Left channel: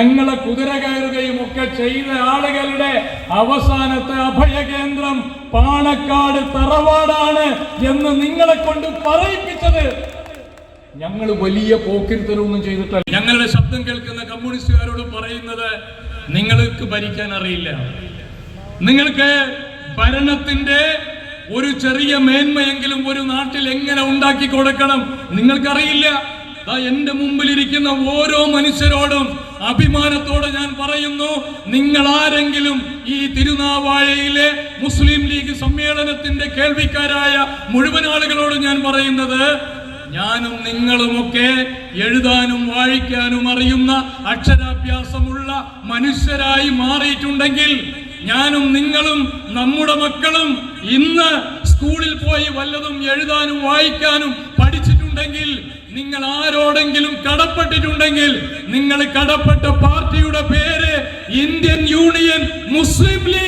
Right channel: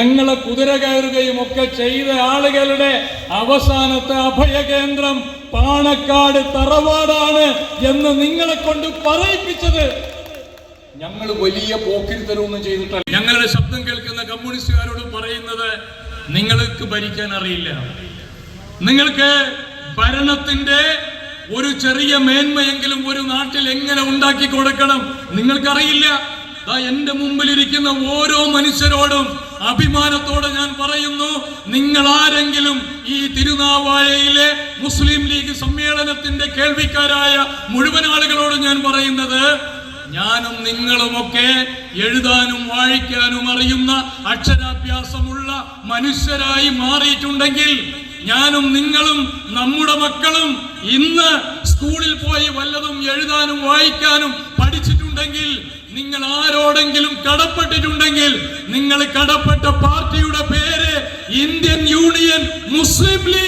ഞങ്ങളെ കുതിര കയറുകയും ഒക്കെ ചെയ്ത ആളുകളുടെ അവസാനത്തെ അഭയകേന്ദ്രം പാണക്കാട് തറവാടാണ് എന്ന് നിങ്ങളെ കൊണ്ട് പറയിപ്പിച്ചത് ഞങ്ങൾ വലിയ പോക്കിരിത്തരമൊന്നും ചെയ്തിട്ടല്ല. ഞങ്ങളുടെ ശബ്ദം കേൾക്കുന്ന കമ്മ്യൂണിസ്റ്റുകാരോട് പറയുന്നത്, നിങ്ങൾക്ക് ഭരിക്കാൻ അറിയില്ല, നിങ്ങൾക്ക് ഭരണത്തിന്റെ ഒരു ചെറിയ മേന്മയെങ്കിലും ഒരു നാട്ടിൽ എങ്ങനെ ഉണ്ടാക്കി കൊടുക്കണം നിങ്ങൾക്കറിയില്ല. എന്റെ മുമ്പിലിരിക്കുന്ന ഓരോ മനുഷ്യരോടും അഭിമാനത്തോടെ ഞാൻ പറയുന്നു, നിങ്ങൾ ആരെങ്കിലും ഈ തിരുനാവായയിലെ മുസ്ലിം ലീഗ് സമ്മേളനത്തിന്റെ കേൾവിക്കാരായ മുഴുവൻ ആളുകളോട് ഞാൻ പറയുന്നത്, ഞാനും നിങ്ങളുമൊക്കെ എഴുതാനും വായിക്കാനും അറിയുന്ന അക്ഷരാഭ്യാസമുള്ള മനുഷ്യരായി മാറിയിട്ടുണ്ടെങ്കിൽ, ഞാനും നിങ്ങളും നമ്മുടെ മക്കളും ഇന്ന് സ്കൂളിൽ പോയി വല്ലതും എഴുതാനും വായിക്കാനും പഠിച്ചിട്ടുണ്ടെങ്കിൽ, നിങ്ങൾ ആരോടെങ്കിലും കടപ്പെട്ടിട്ടുണ്ടെങ്കിൽ, നിങ്ങൾ കടപ്പെട്ട പാർട്ടിയുടെ പേര് ഇന്ത്യൻ യൂണിയൻ മുസ്ലിം ലീഗ്